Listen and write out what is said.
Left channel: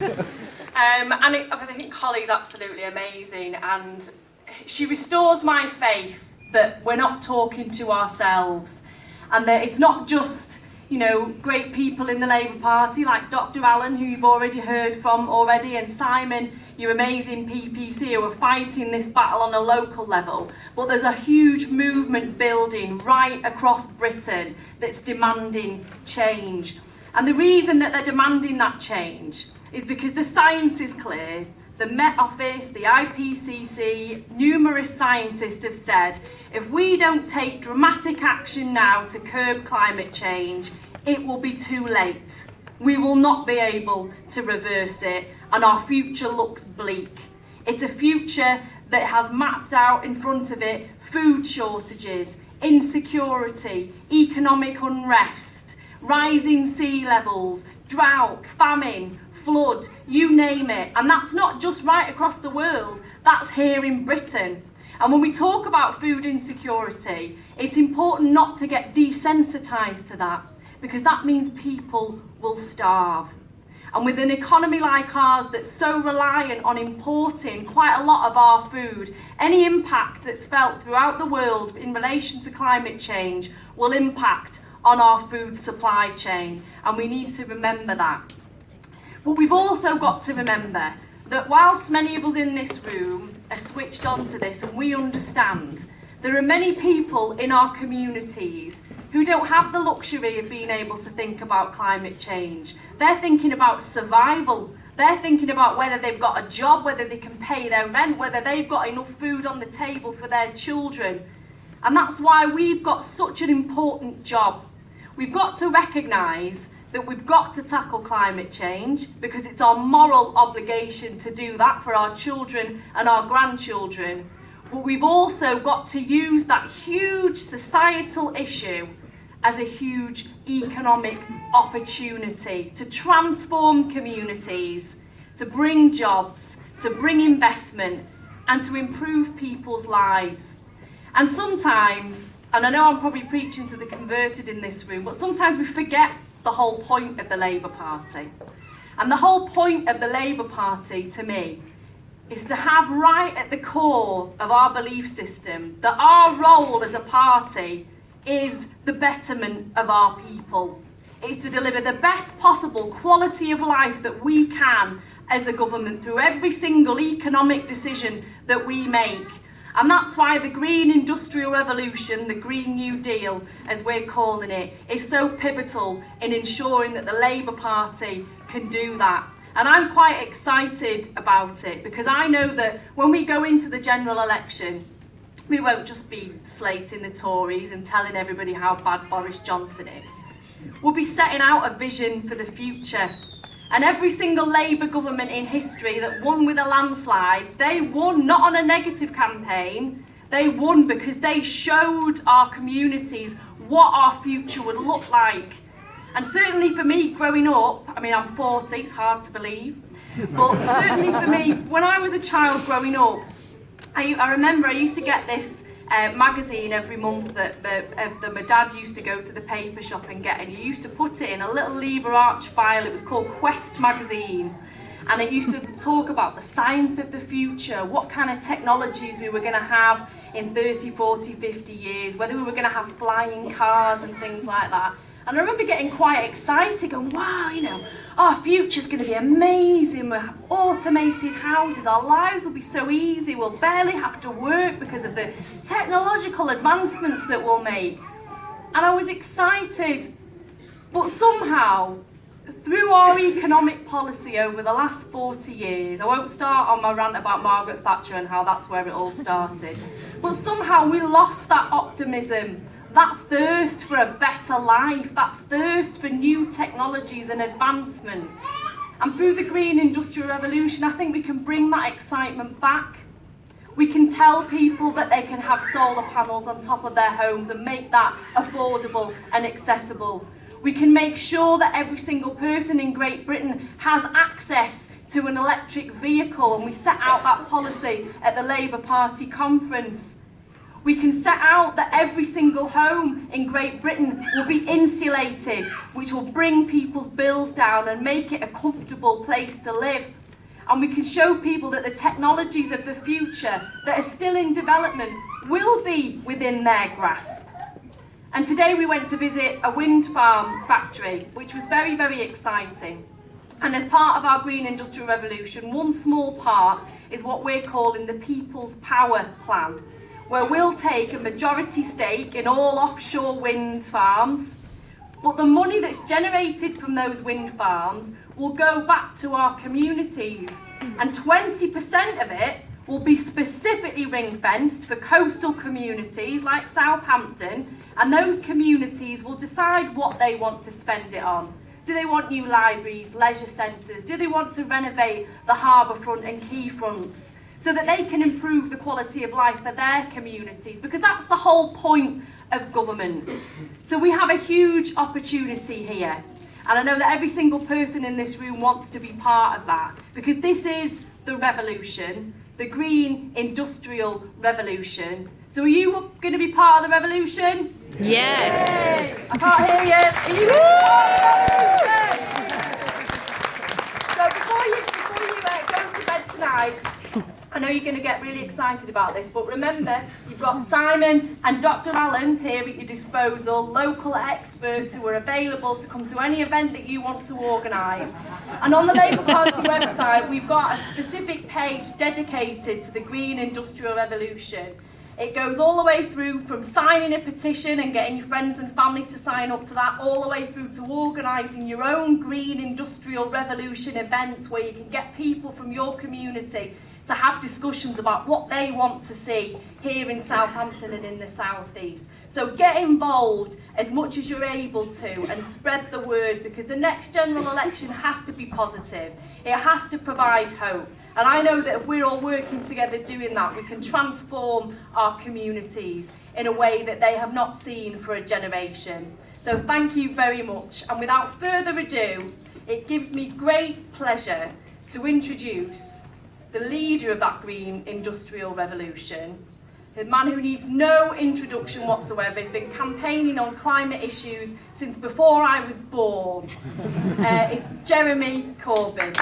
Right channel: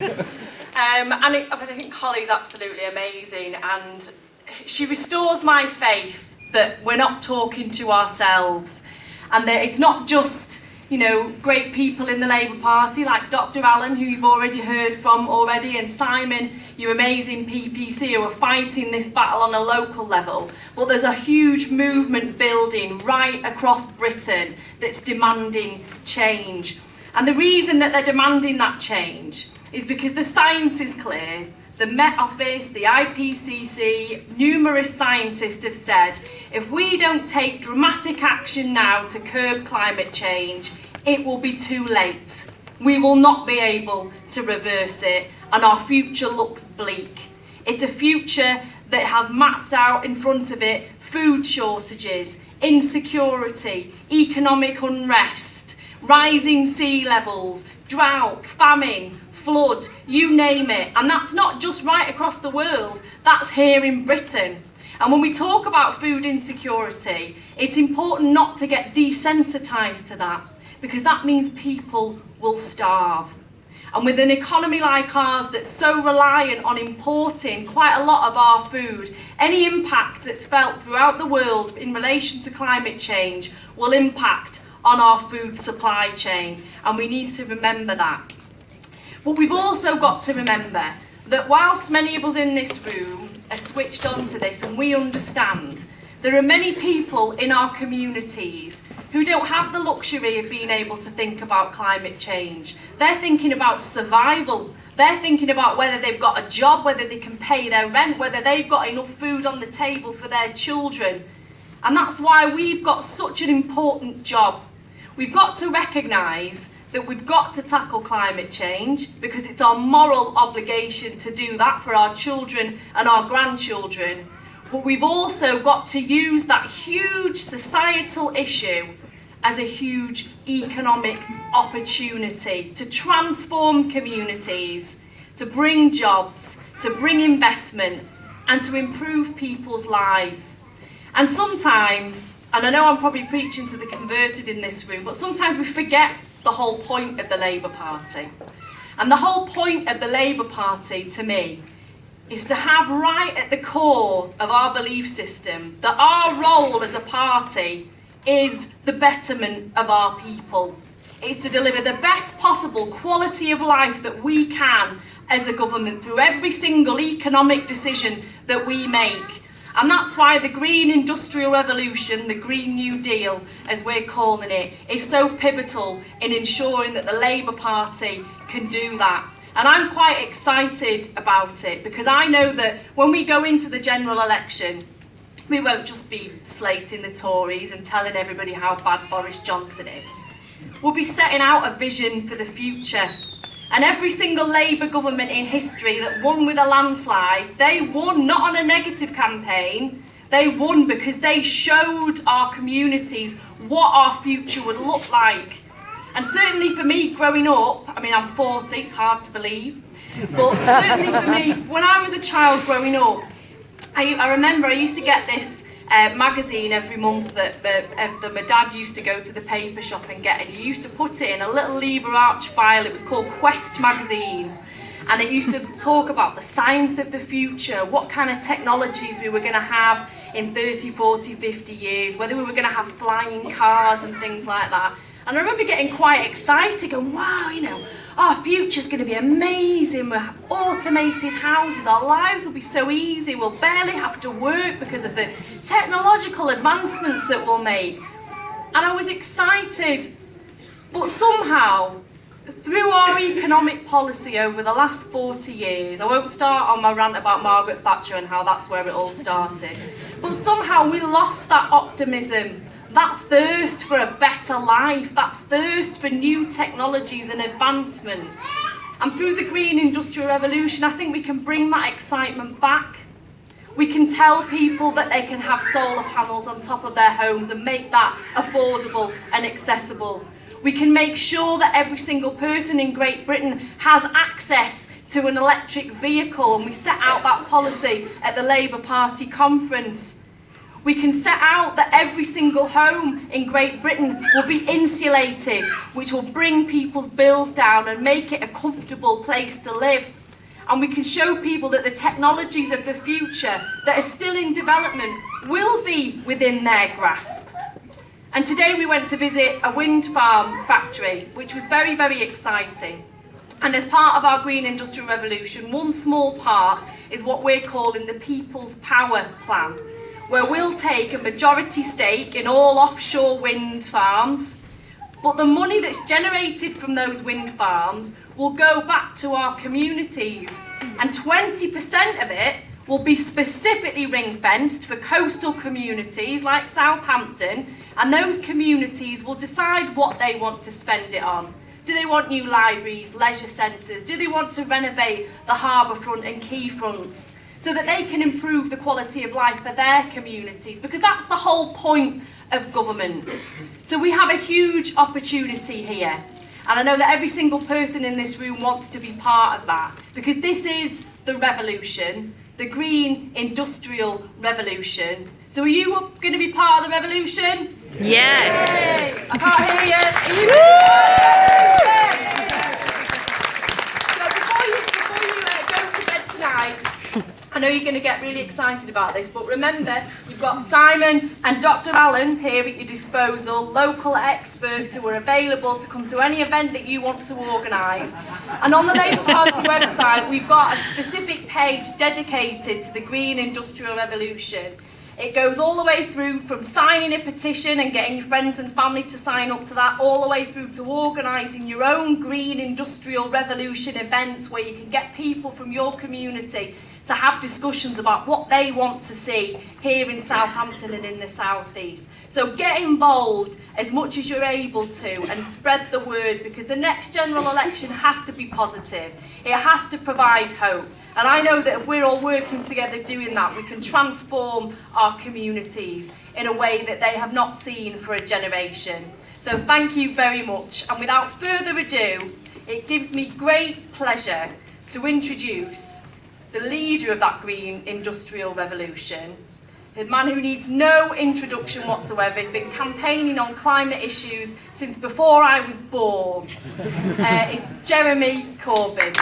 I think Holly's absolutely amazing, and she restores my faith that we're not talking to ourselves, and that it's not just, great people in the Labour Party like Dr. Allen, who you've already heard from already, and Simon, your amazing PPC, who are fighting this battle on a local level. But there's a huge movement building right across Britain that's demanding change. And the reason that they're demanding that change is because the science is clear. The Met Office, the IPCC, numerous scientists have said, if we don't take dramatic action now to curb climate change, it will be too late. We will not be able to reverse it, and our future looks bleak. It's a future that has mapped out in front of it food shortages, insecurity, economic unrest, rising sea levels, drought, famine, flood, you name it. And that's not just right across the world, that's here in Britain. And when we talk about food insecurity, it's important not to get desensitised to that, because that means people will starve. And with an economy like ours that's so reliant on importing quite a lot of our food, any impact that's felt throughout the world in relation to climate change will impact on our food supply chain, and we need to remember that. But we've also got to remember that whilst many of us in this room are switched on to this and we understand, there are many people in our communities who don't have the luxury of being able to think about climate change. They're thinking about survival. They're thinking about whether they've got a job, whether they can pay their rent, whether they've got enough food on the table for their children. And that's why we've got such an important job. We've got to recognise that we've got to tackle climate change because it's our moral obligation to do that for our children and our grandchildren. But we've also got to use that huge societal issue as a huge economic opportunity to transform communities, to bring jobs, to bring investment, and to improve people's lives. And sometimes, and I know I'm probably preaching to the converted in this room, but sometimes we forget the whole point of the Labour Party. And the whole point of the Labour Party, to me, is to have right at the core of our belief system that our role as a party is the betterment of our people. It's to deliver the best possible quality of life that we can as a government through every single economic decision that we make. And that's why the Green Industrial Revolution, the Green New Deal, as we're calling it, is so pivotal in ensuring that the Labour Party can do that. And I'm quite excited about it because I know that when we go into the general election, we won't just be slating the Tories and telling everybody how bad Boris Johnson is. We'll be setting out a vision for the future. And every single Labour government in history that won with a landslide, they won not on a negative campaign, they won because they showed our communities what our future would look like. And certainly for me growing up, I'm 40, it's hard to believe, but certainly for me, when I was a child growing up, I remember I used to get this magazine every month that my dad used to go to the paper shop and get, and you used to put it in a little lever arch file. It was called Quest magazine, and it used to talk about the science of the future, what kind of technologies we were going to have in 30, 40, 50 years, whether we were going to have flying cars and things like that. And I remember getting quite excited, going, wow, our future's going to be amazing. We'll have automated houses. Our lives will be so easy. We'll barely have to work because of the technological advancements that we'll make. And I was excited. But somehow, through our economic policy over the last 40 years, I won't start on my rant about Margaret Thatcher and how that's where it all started, but somehow we lost that optimism, that thirst for a better life, that thirst for new technologies and advancement. And through the Green Industrial Revolution, I think we can bring that excitement back. We can tell people that they can have solar panels on top of their homes and make that affordable and accessible. We can make sure that every single person in Great Britain has access to an electric vehicle, and we set out that policy at the Labour Party conference. We can set out that every single home in Great Britain will be insulated, which will bring people's bills down and make it a comfortable place to live. And we can show people that the technologies of the future that are still in development will be within their grasp. And today we went to visit a wind farm factory, which was very, very exciting. And as part of our Green Industrial Revolution, one small part is what we're calling the People's Power Plan, where we'll take a majority stake in all offshore wind farms, but the money that's generated from those wind farms will go back to our communities, and 20% of it will be specifically ring-fenced for coastal communities like Southampton, and those communities will decide what they want to spend it on. Do they want new libraries, leisure centres? Do they want to renovate the harbour front and quay fronts so that they can improve the quality of life for their communities? Because that's the whole point of government. So we have a huge opportunity here. And I know that every single person in this room wants to be part of that, because this is the revolution, the green industrial revolution. So are you going to be part of the revolution? Yes. Yay! I can't hear you. So before you go to bed tonight, I know you're going to get really excited about this, but remember, you've got Simon and Dr. Allen here at your disposal, local experts who are available to come to any event that you want to organise. And on the Labour Party website, we've got a specific page dedicated to the Green Industrial Revolution. It goes all the way through from signing a petition and getting your friends and family to sign up to that, all the way through to organising your own Green Industrial Revolution events where you can get people from your community to have discussions about what they want to see here in Southampton and in the South East. So get involved as much as you're able to and spread the word, because the next general election has to be positive. It has to provide hope. And I know that if we're all working together doing that, we can transform our communities in a way that they have not seen for a generation. So thank you very much. And without further ado, it gives me great pleasure to introduce the leader of that Green Industrial Revolution, a man who needs no introduction whatsoever. He's been campaigning on climate issues since before I was born. It's Jeremy Corbyn.